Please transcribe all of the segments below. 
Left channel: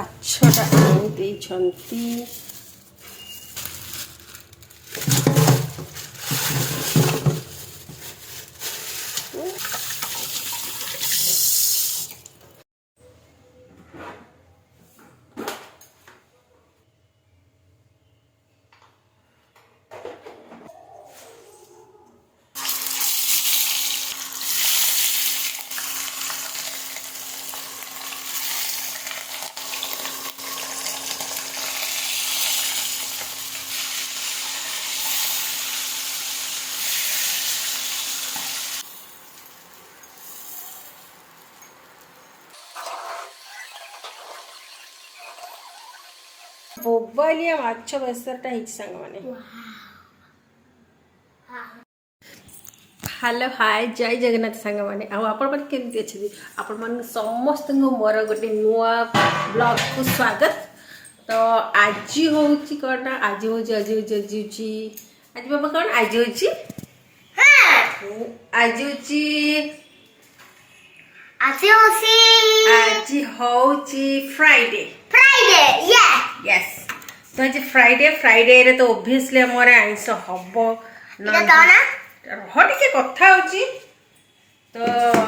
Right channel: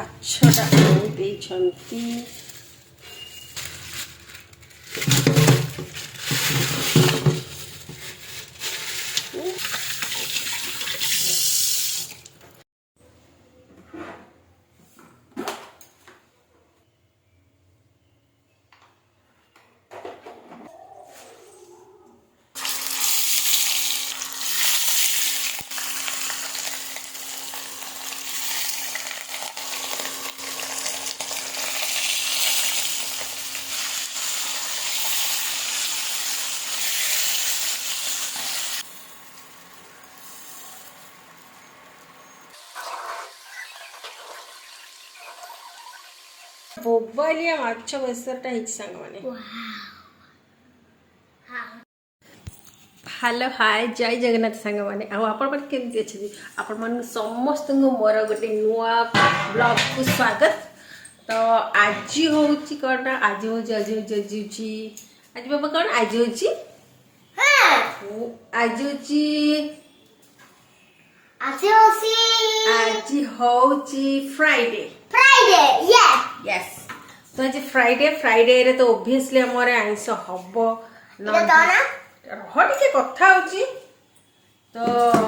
ମାଛଟା ଆଣି ଦେଇଛନ୍ତି। ବୋବାଲିଆ ମାଛ ବେସରଟା ହେଇଛି ସାଙ୍ଗମାନେ। ହ୍ୟାଲୋ ହାଏ ଜୟ ଜଗନ୍ନାଥ ସାଙ୍ଗମାନେ। ଆଉ ଆପଣମାନେ କେମିତି ଅଛନ୍ତି? ଆପଣମାନଙ୍କୁ ସମସ୍ତଙ୍କୁ ମୋର ଗୋଟେ ନୂଆ ବ୍ଲଗ୍କୁ ସ୍ୱାଗତ। ତ ଆଜି ହେଉଛି କ'ଣ? ଆଜି ବାବା କ'ଣ ଆଜି ହେଉଛି ଫ୍ରାଇଡେ। यस तो आज फ्राइडे रे तो ओब्वियसली हमर आइंस हबो ना टे कथा होची। तो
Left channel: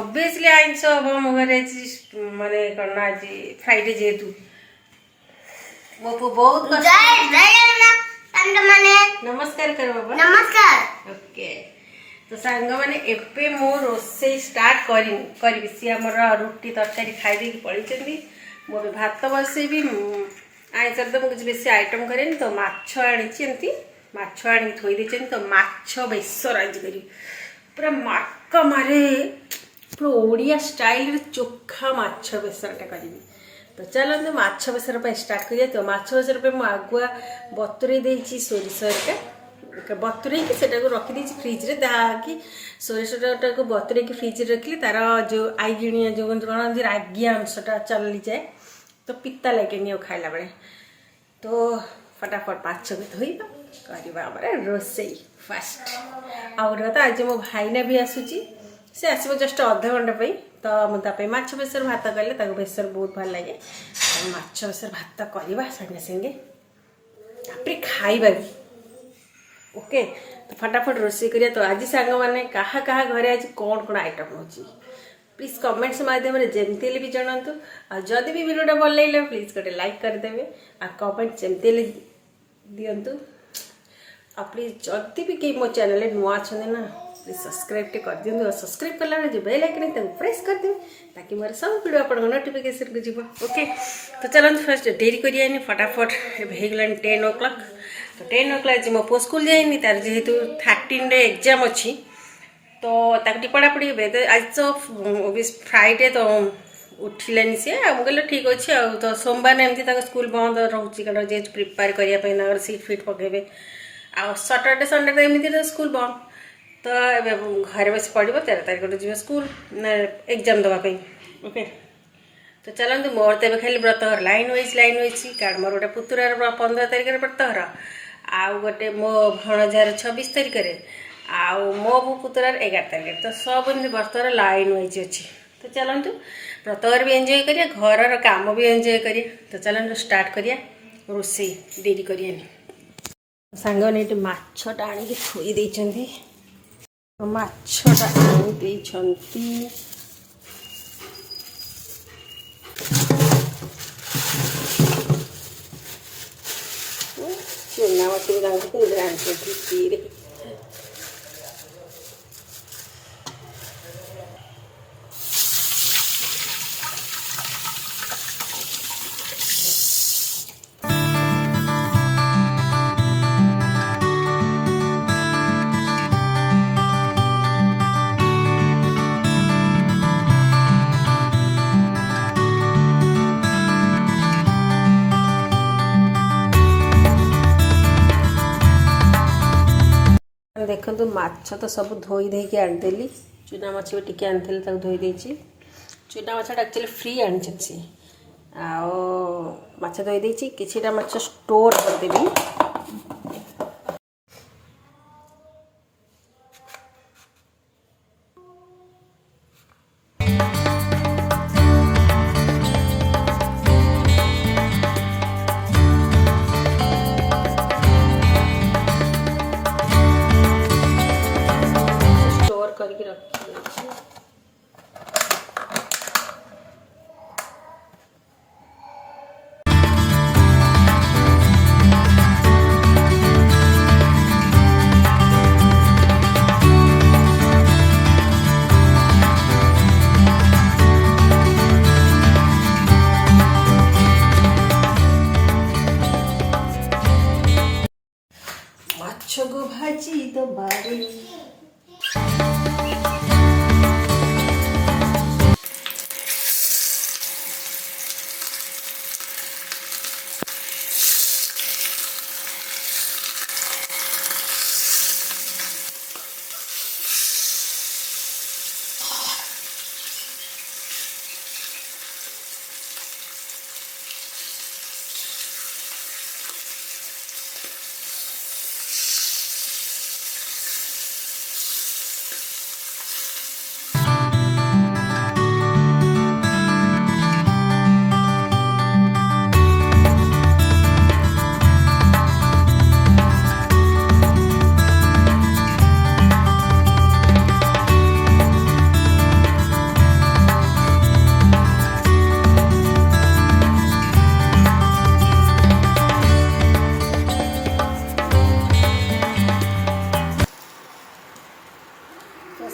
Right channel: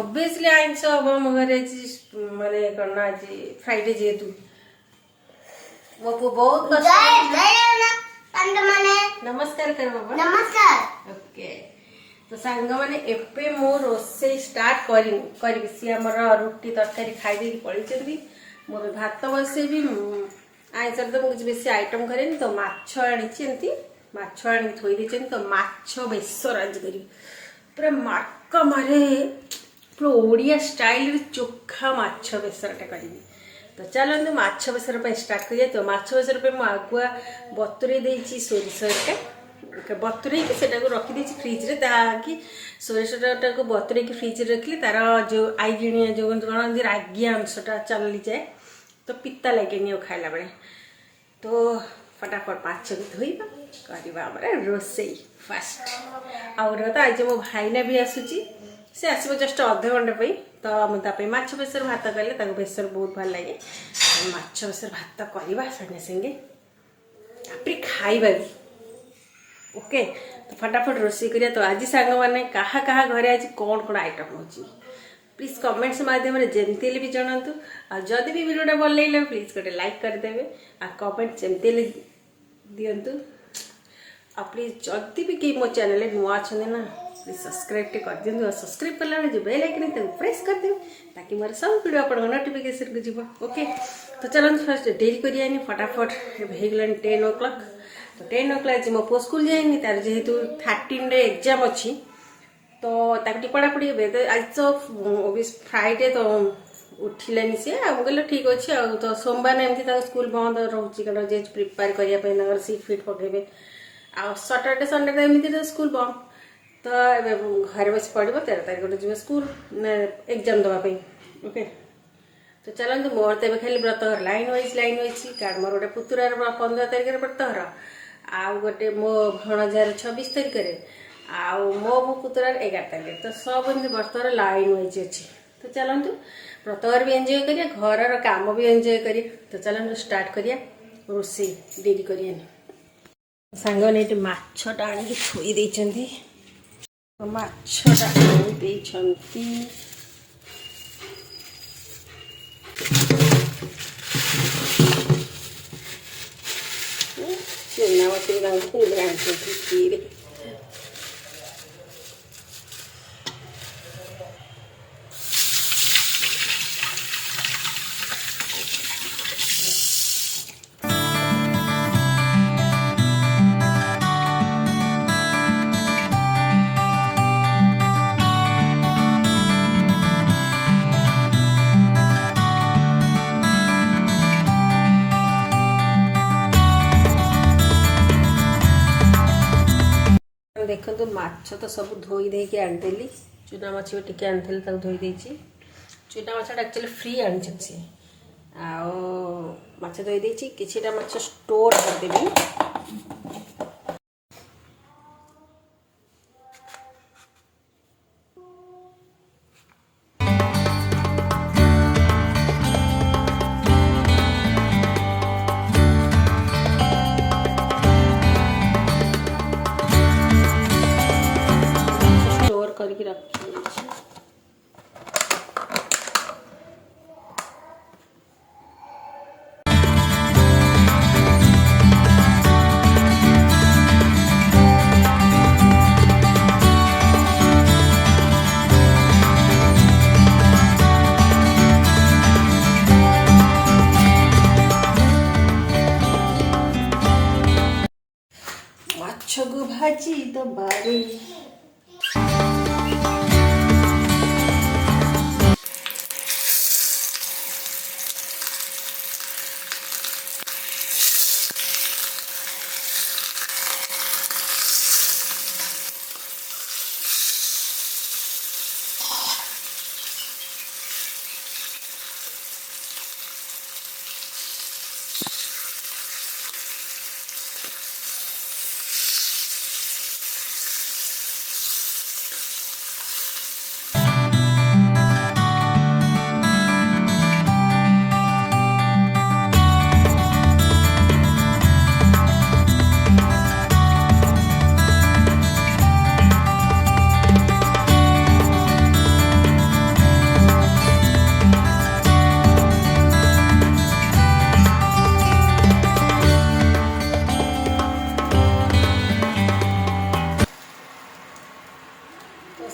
ओब्वियसली आइंस हबो मगरे माने करना आज फ्राइडे जेतु मो बहुत नमस्कार कर बाबा। नमस्कार। ओके तो सांग माने एपे मो रोसे स्टार्ट करी सी हमर रोटी तरकारी खाइ दे कि पड़ी चंदी मो भात बसे भी आइंसर तो मुझे बेसी आइटम करें तो माछ आनी माछ आनी थोई देते तो माछ बेसर आज करी पूरा मार्क मारे पूरा ओडिया स्टाइल चोखा माछ बेसरटा करी। तो चलते माछ बेसर स्टार्ट करिए। तो माछ बेसर पे आगुआ बतुरे देची सोरिषटा बतुरे कि रखी फ्रिज रे ताकि सोरिषटा को बतुरे कि फ्रिज रखिले तार जो आईगिणिया जो कौन रागिया अंशटा चली जाए तो पिता लगे खाइला बेले। तो फटाफट माछ भी धोइबा करवा रोसई फास्ट आउर तो आज मो भाईना भी आसूची से आसो जस्ट अध घंटा तो मुझे माछ बेसर भात कले बेसर बहुत भल लगे। माछ बेसर भात करवा संगे संगे तापर खाइबा भी ओके। तो फटाफट रोसई करिया। तो आज सांग मैंने कहा घरे आज कौन कौन आइटम होची प्लीज कमेंट्स माध्यम जमती भी जनातु। जदि भी वीडियोटा भल लगे प्लीज गोटे लाइक करदेवे आ कमेंट जमती दिंतु। आ प्लीज जदि भी कहीं मो चैनल नुआ अच्छा ना प्लीज सब्सक्राइब कर दिंतु। सब्सक्राइब कला जो बेल आइकन प्रेस करदेवे ताकि मोर सब वीडियो आप नोटिफिकेशन को जीव ओके। तो चलते फर्स्ट डेरी करिए फटाफट होगा 10 o'clock। तो 10 o'clock आज मो पो स्कूल जाइनी तार जेहेतु 13 रे एग्जाम अच्छी तो ताकि पढ़ापढ़ी हे तो आज तो फ्राइडे तो उठिलानी सी कहले ठीक अच्छे। तो सोमवार एमती स्कूल बंद रोचे कारण जेहतु प्रिपेयर करने सीट फिट पकेबे आ सैटरडे संडे तो एमती तो स्कूल बंद। तो घर बस पढ़ 13 तारिख जी स्कूल एग्जाम दवाई ओके। तो चलते मोर तो खाली व्रतघर लाइन वाइज कारण मोर गोटे पुतुरार 15 तारिख व्रतघर आउ गोटे मो भणजार 26 तारिख आउ मो पुतुरार 11 तारिख। तो सब एमती व्रतघर लाइन वाइज अच्छी। तो चलतु व्रतघर भी एंजॉय करिया घर काम भी एंजॉय करिया। तो चलतु स्टार्ट करिया रोसई डेरी करिया सांग ने माछटा आनिक थोई देइछंती। माछटा आनि देइछंती चुना माछ भी आनी देखो माछ तो सब धोई देके आनीदेली। चुना माछ भी टिके आनी धोई देची। चुना माछटा एक्चुअली फ्री आनी माछ धोई देची किछिटा माछ स्टोर करदेली। କରିକି ରଖିଦେଇଛି। ମାଛକୁ ଭାଜି ଦବାରେ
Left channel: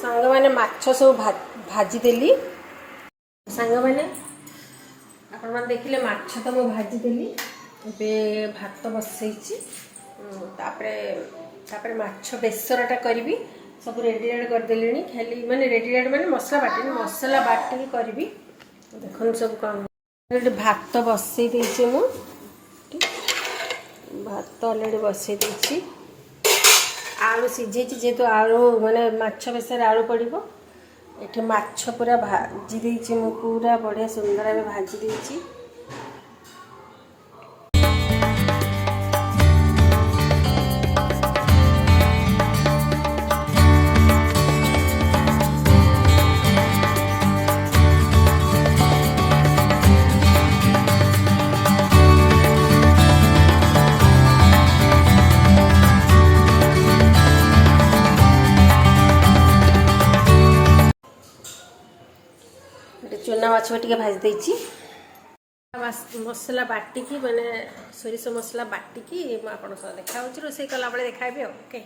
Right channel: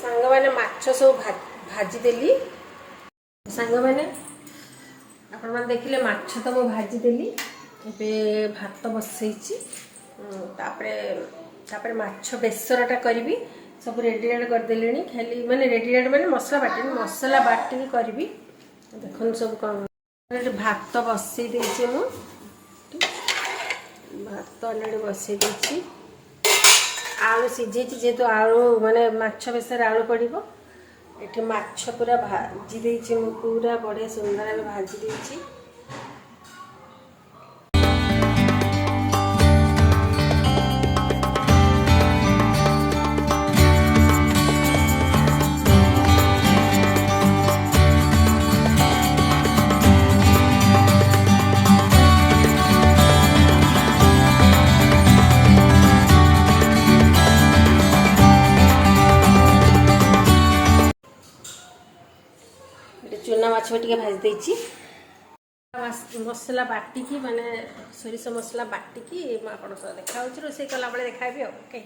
ସାଙ୍ଗମାନେ ମାଛ ସବୁ ଭାଜିଦେଲି। ସାଙ୍ଗମାନେ ଆପଣମାନେ ଦେଖିଲେ ମାଛ ତ ମୁଁ ଭାଜିଦେଲି। ଏବେ ଭାତ ବସେଇଛି। ତାପରେ ମାଛ ବେସରଟା କରିବି। ସବୁ ରେଡିରେଡ୍ କରିଦେଲିଣି। ଖାଲି ମାନେ ରେଡିରେଡ୍ ମାନେ ମସଲା ବାଟିନି, ମସଲା ବାଟିକି କରିବି। ଦେଖନ୍ତୁ ସବୁ କ'ଣ ଭାତ ବସେଇ ଦେଇଛି ମୁଁ। ଭାତ ଅଲରେଡ଼ି ବସେଇ ଦେଇଛି। ଆଳୁ ସିଝେଇଛି, ଯେହେତୁ ଆଳୁ ମାନେ ମାଛ ବେସରରେ ଆଳୁ ପଡ଼ିବ। ଏଠି ମାଛ ପୁରା ଭାଜି ଦେଇଛି ମୁଁ, ପୁରା ବଢ଼ିଆ ସୁନ୍ଦର ଭାବେ ଭାଜି ଦେଇଛି। ଚୁନା ମାଛ ଟିକେ ଭାଜି ଦେଇଛି। ମସଲା ବାଟିକି ମାନେ ସୋରିଷ ମସଲା ବାଟିକି ମୁଁ ଆପଣଙ୍କ ସହ ଦେଖା ହେଉଛି। ରୋଷେଇ କଲାବେଳେ ଦେଖାଇବି ଆଉ। ଓକେ।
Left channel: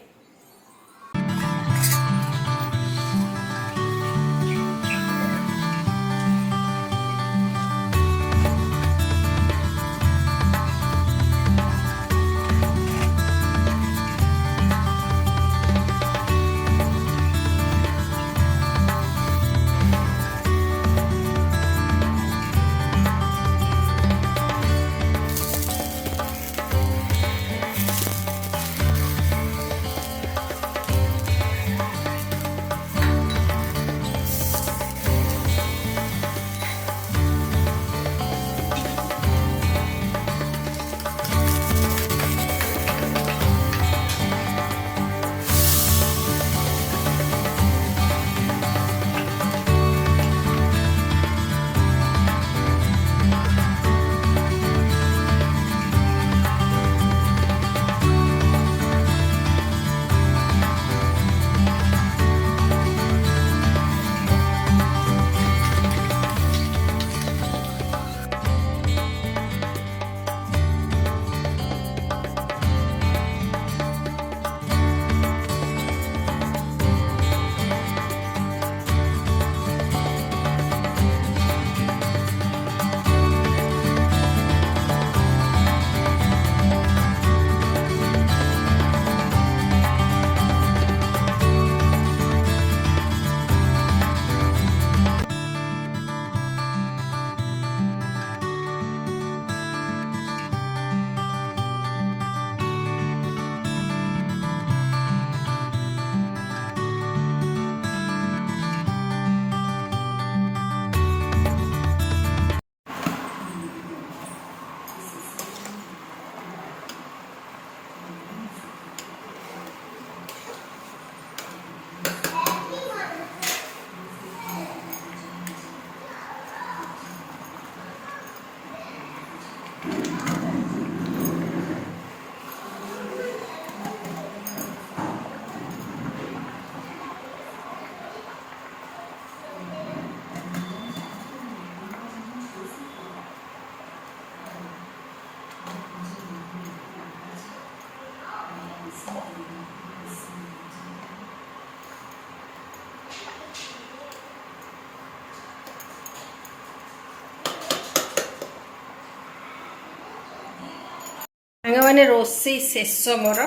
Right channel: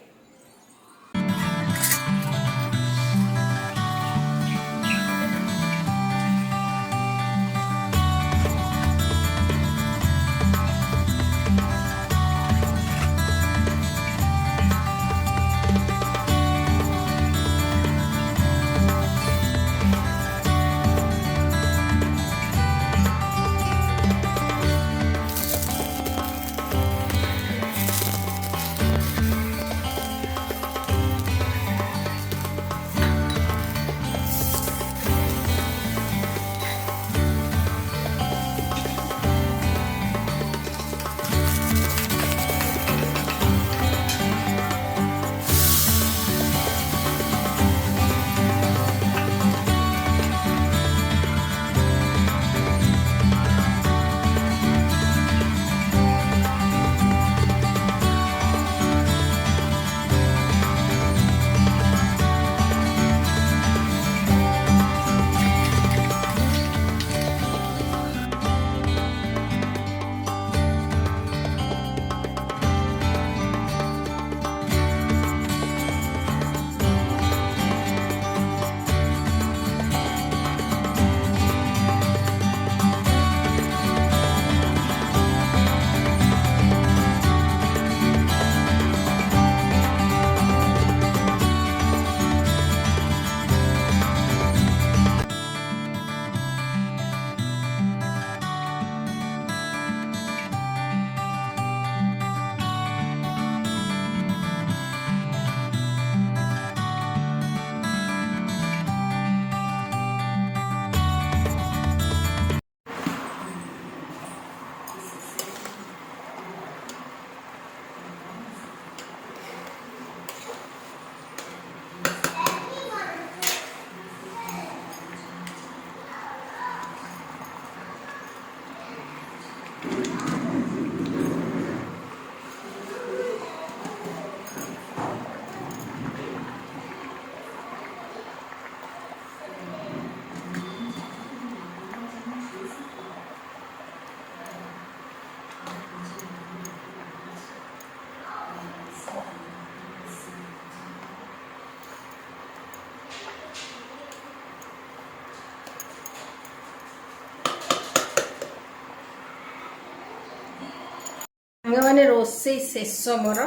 ସାଙ୍ଗମାନେ ରୋଷେଇ ଶେଷ ମୋର।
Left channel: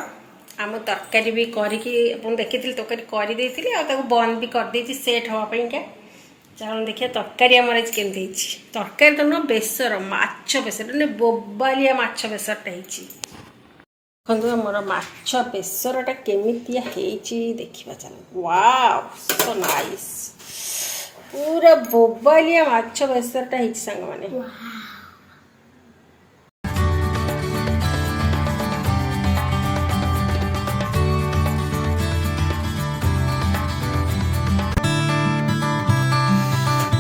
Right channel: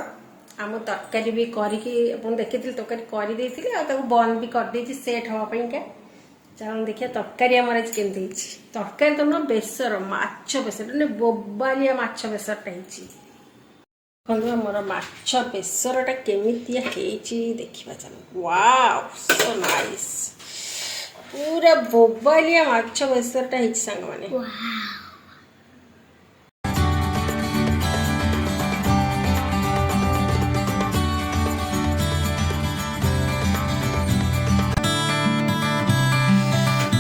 ଆମ ତରକାରୀ ବି କରିକି ଆପଣ ଦେଖିଥିଲି, ତରକାରୀ କରିଦେଇଥିଲି ଆଉ ତାକୁ ବନ୍ଦ ବି କରିଦେଇଛି ସେଟ୍ ହେବା ପାଇଁକା। ଚାଲନ୍ତୁ ଦେଖିବା ତରକାରୀ ଆମର ଆଜି କେମିତି ହେଇଛି। ତରକାରୀ ତ ନୁହଁ, ବେସର, ମାଛ ବେସର, ମାନେ ବୋବାଲିଆ ମାଛ ବେସରଟା ହେଇଛି। ଦେଖନ୍ତୁ ଆମର ମାଛ ବେସରଟା କେମିତିଆ ହେଇଛି ଦେଖିବା ଚାଲନ୍ତୁ। ୱାଓ ସୋ ନାଇସ୍, ପୁରା ବୋବାଲିଆ ମାଛ ବେସରଟା ହେଇଛି ସାଙ୍ଗମାନେ।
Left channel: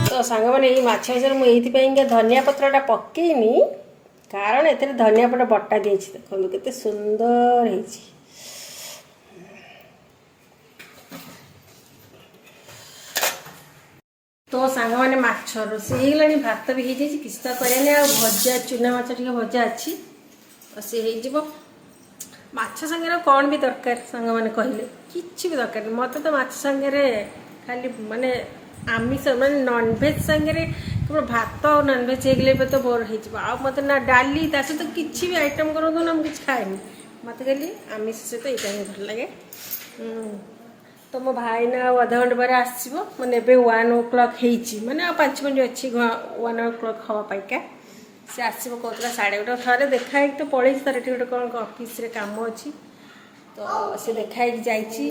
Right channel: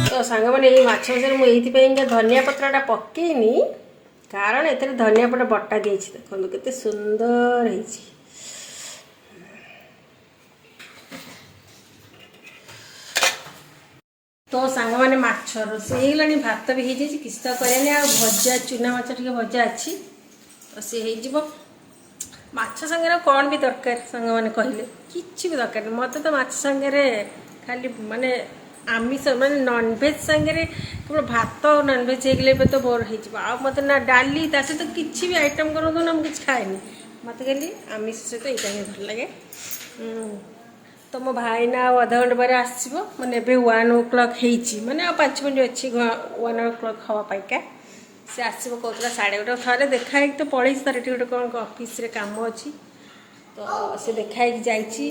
ତ ସାଙ୍ଗମାନେ ଏଇ ମାଛ ବେସର ମୁଁ ଏଇଥିପାଇଁକା ଧନିଆ ପତ୍ରଟା ପକେଇନି, କାରଣ ଏଥିରେ ଧନିଆ ପତ୍ର ବଟା ଦେଇଛି। ଦେଖନ୍ତୁ କେତେ ସୁନ୍ଦର ହେଇଛି। ତ ସାଙ୍ଗମାନେ ମାଛ ରୋଷେଇ ହେଇଗଲାଣି, ଭାତ ବି ହେଇଯାଇଛି, କିଛି ତ କରିବାନି। ଆଉ ଭଜା, ଚୁନା ମାଛ ଟିକେ ଭଜା ଅଛି, ତ ସେ ହେଇଯିବ। ମାଛ ସାଙ୍ଗରେ ଆଉ କ'ଣ ବି ଦରକାର ସାଙ୍ଗମାନେ କହିଲେ? କିଛି ବି ଦରକାର ନାହିଁ। ମୋତେ ତ ମାଛ ସାଙ୍ଗରେ ଖାଲି ମାନେ ଆମିଷ, ମାନେ ନନଭେଜ୍ ସାଙ୍ଗରେ କେବଳ ଭାତ ଆଉ ନନଭେଜ୍ ହେଇଗଲେ ଏବେ ତ ବୋର୍ ହେଇଯିବ। ଆଉ ମୋତେ ନା ଡାଲି, ତା ସହିତ କିଛି ବି ଆଇଟମ୍ କରନ୍ତୁ ନା, ମୁଁ କିଛି ଖାଏନି। ମୋତେ ଖାଲି ଆମିଷ ସହିତ ଏଇଟା ହିଁ ଭଲ ଲାଗେ। ତ ମୋ ଭାଇନା ଆଉ ଅଧଘଣ୍ଟେ ପରେ ଆସିବ, ମାନେ ଏବେ 1 o'clock ହେଇଛି, ମାନେ ଆଉ 5 ମିନିଟ୍ ଅଛି 1 o'clock ହେବା ପାଇଁକା। ସେ ଆସିବ କହୁଥିଲା 1:30। ଥରେ ଦେଖା ହେଇକି ତ ପଳେଇଛି, ତାର ଏଠି ଗୋଟେ କ'ଣ ଅଫିସରେ କାମ ଅଛି, ତ ସେ ଦେଖା ହେଇକି ଯାଇଛି।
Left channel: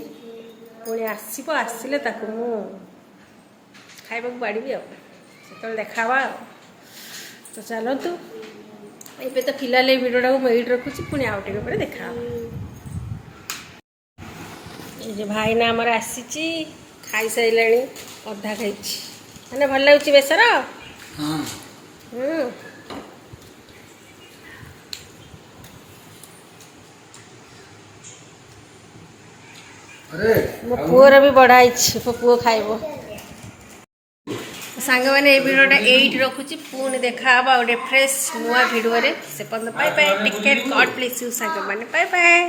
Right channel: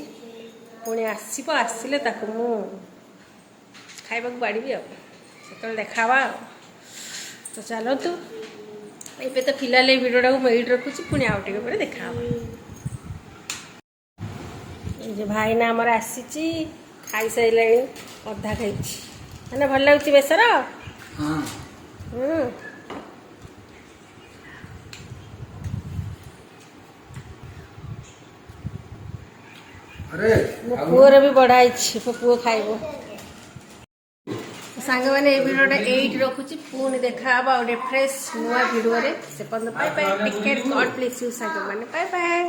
ପୁଣି ଆସିବ, ଆସିଲେ ତାକୁ ମୁଁ ଖାଇବାକୁ ବାଡ଼ିବି, ଆଉ ସେତେବେଳେ ଦେଖା ହେବା ଆଉ। ତ ଚାଲନ୍ତୁ, ଏବେ ତ ଫିଲହାଲ ଏଇ ଭିଡ଼ିଓଟାକୁ ମୁଁ ଏଇଠି ରଖୁଛି, ପୁଣି ଆଉ ଟିକେ ପରେ ଦେଖା ହେବା। ଏଇ ଯେ ଭାଇନା ଆମର ଆସିଛି, ଖାଇସାରିଲାଣି, ଅଧା ଖାଇଛି। ମାନେ ଭଲ ଲାଗୁଛି ବେସର? ମୋ ପୁଅର ବି ବଢ଼ା ହେଇଛି, ମୋ ପୁଅ ଖାଇବ। ସାଙ୍ଗମାନେ ଏଇ ଭିଡ଼ିଓଟା ଏଇଠି ରଖୁଛି, ପୁଣି ଦେଖା ହେବା ଗୋଟେ ଫ୍ରେଶ୍ ନୂଆ ଭିଡ଼ିଓରେ। ସେ ପର୍ଯ୍ୟନ୍ତ bye bye, take care, God bless you ସାଙ୍ଗମାନେ, ବାଏ ବାଏ।